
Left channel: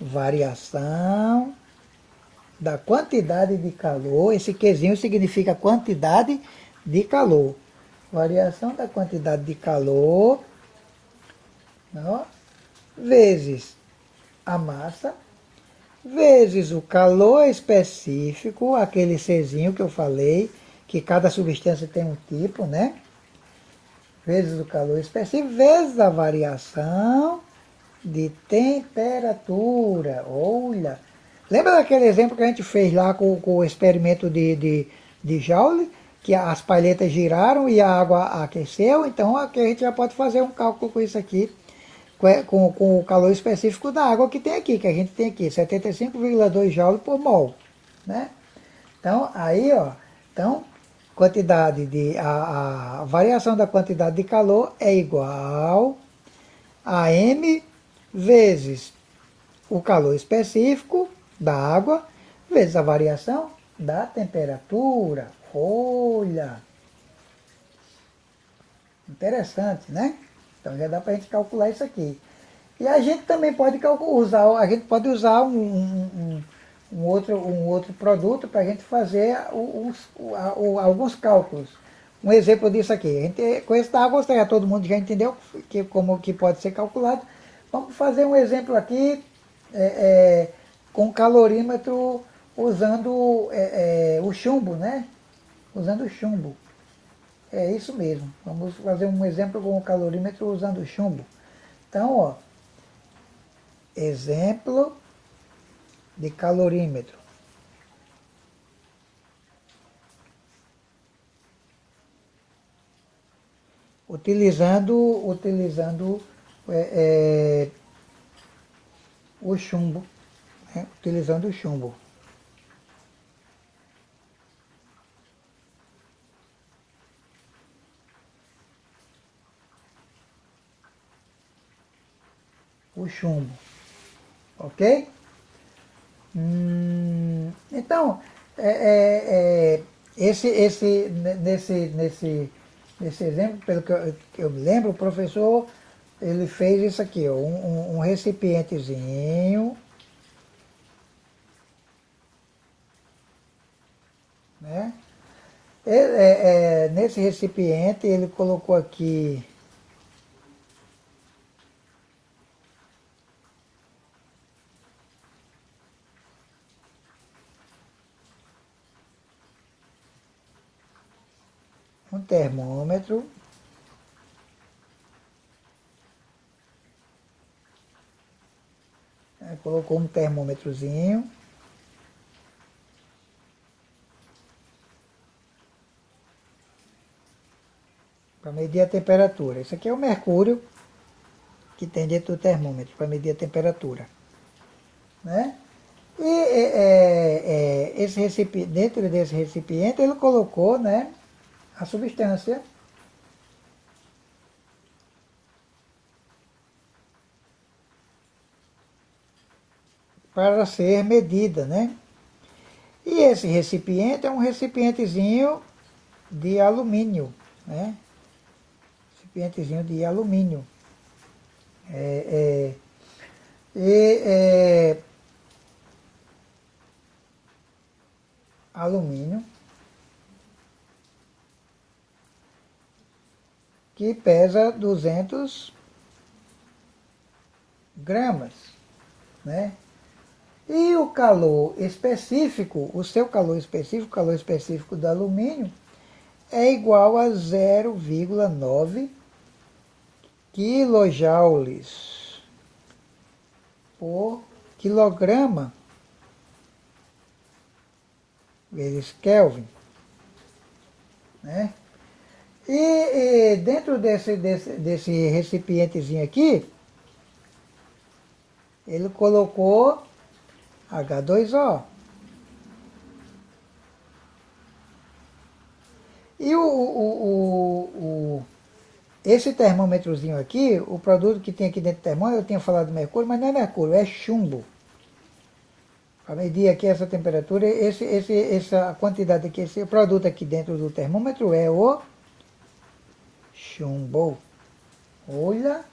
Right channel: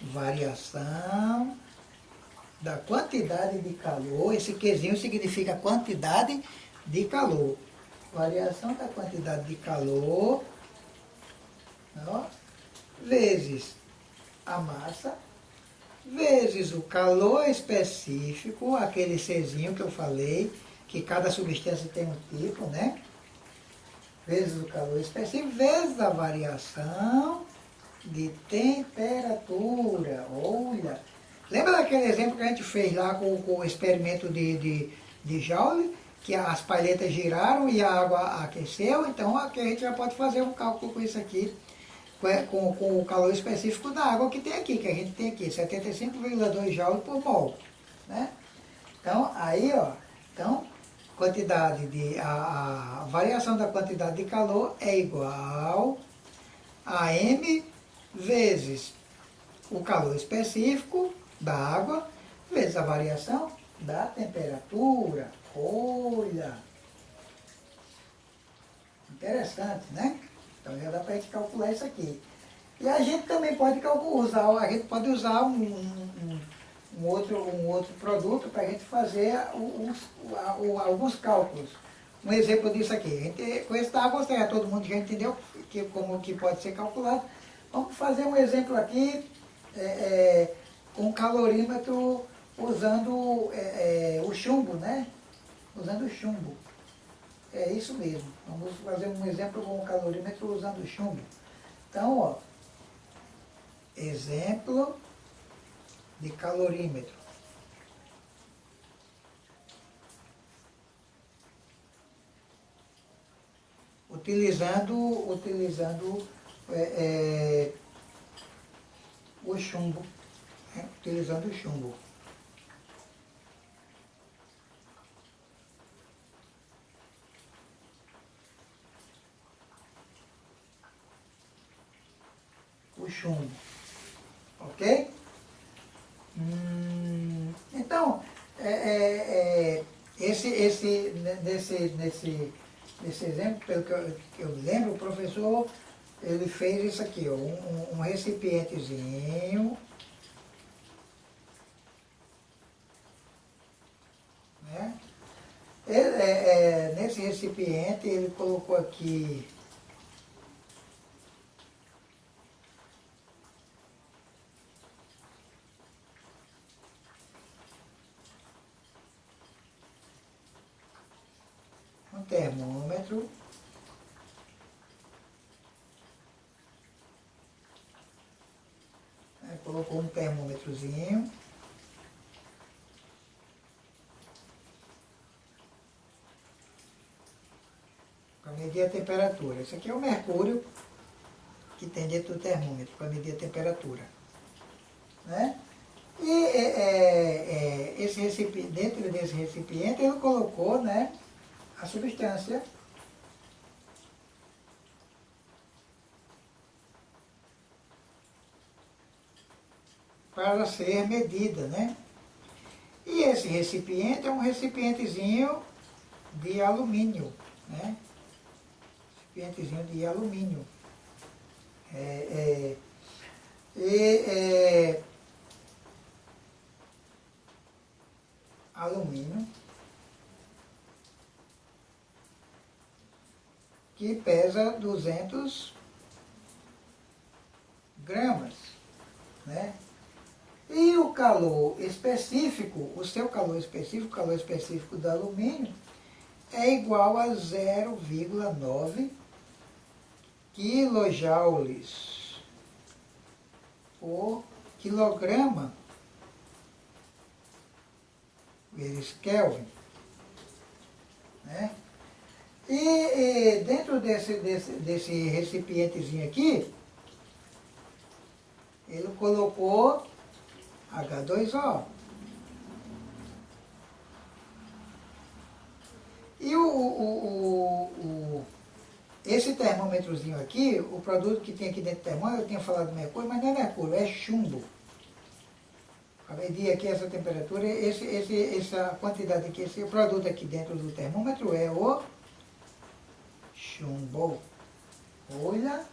Variação da quantidade de calor, esse Qzinho significa quantidade de calor. Variação da quantidade de calor, ó, vezes a massa, vezes o calor específico, aquele Czinho que eu falei, que cada substância tem um tipo, né? Vezes o calor específico, vezes a variação de temperatura. Olha, lembra daquele exemplo que a gente fez lá com o experimento de Joule, que as palhetas giraram e a água aqueceu? Então aqui a gente já pode fazer um cálculo com isso aqui, com o calor específico da água que tem aqui, que a gente tem aqui, 75,2 joules por mol, né? Então, aí, ó, a variação da quantidade de calor é igual a M vezes o calor específico da água, vezes a variação da temperatura. Olha! Interessante, né? Então já dá para a gente calcular isso aqui. E a gente também pode usar um outro produto para a gente fazer alguns cálculos. Um exemplo disso aqui. A gente, com esse da água, todo mundo já entendeu como que pode ser calculado. Vamos fazer um exemplo aqui com calorímetro usando o chumbo, né? Usando o chumbo. É isso mesmo. Vamos fazer um exemplo com o calorímetro usando o chumbo. Então, ó, exemplo de calorímetro. Utilizando o chumbo, né? Utilizando o chumbo. O chumbo, ok? Então, nesse exemplo, pelo que eu lembro, o professor ele fez isso aqui, ó, um recipientezinho, né? Nesse recipiente ele colocou aqui um termômetro, né? Colocou um termômetrozinho, para medir a temperatura. Esse aqui é o mercúrio que tem dentro do termômetro, para medir a temperatura, né? E dentro desse recipiente ele colocou, né, a substância para ser medida, né? E esse recipiente é um recipientezinho de alumínio, né? Recipientezinho de alumínio. Alumínio que pesa 200 gramas, né? E o calor específico, o seu calor específico, o calor específico do alumínio, é igual a 0,9 quilojoules por quilograma vezes Kelvin, né? E dentro desse recipientezinho aqui, ele colocou H2O. E esse termômetrozinho aqui, o produto que tem aqui dentro do termômetro, eu tinha falado mercúrio, mas não é mercúrio, é chumbo. Para medir aqui essa temperatura, essa quantidade aqui, esse produto aqui dentro do termômetro é o chumbo. Olha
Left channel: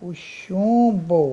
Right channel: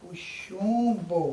o chumbo.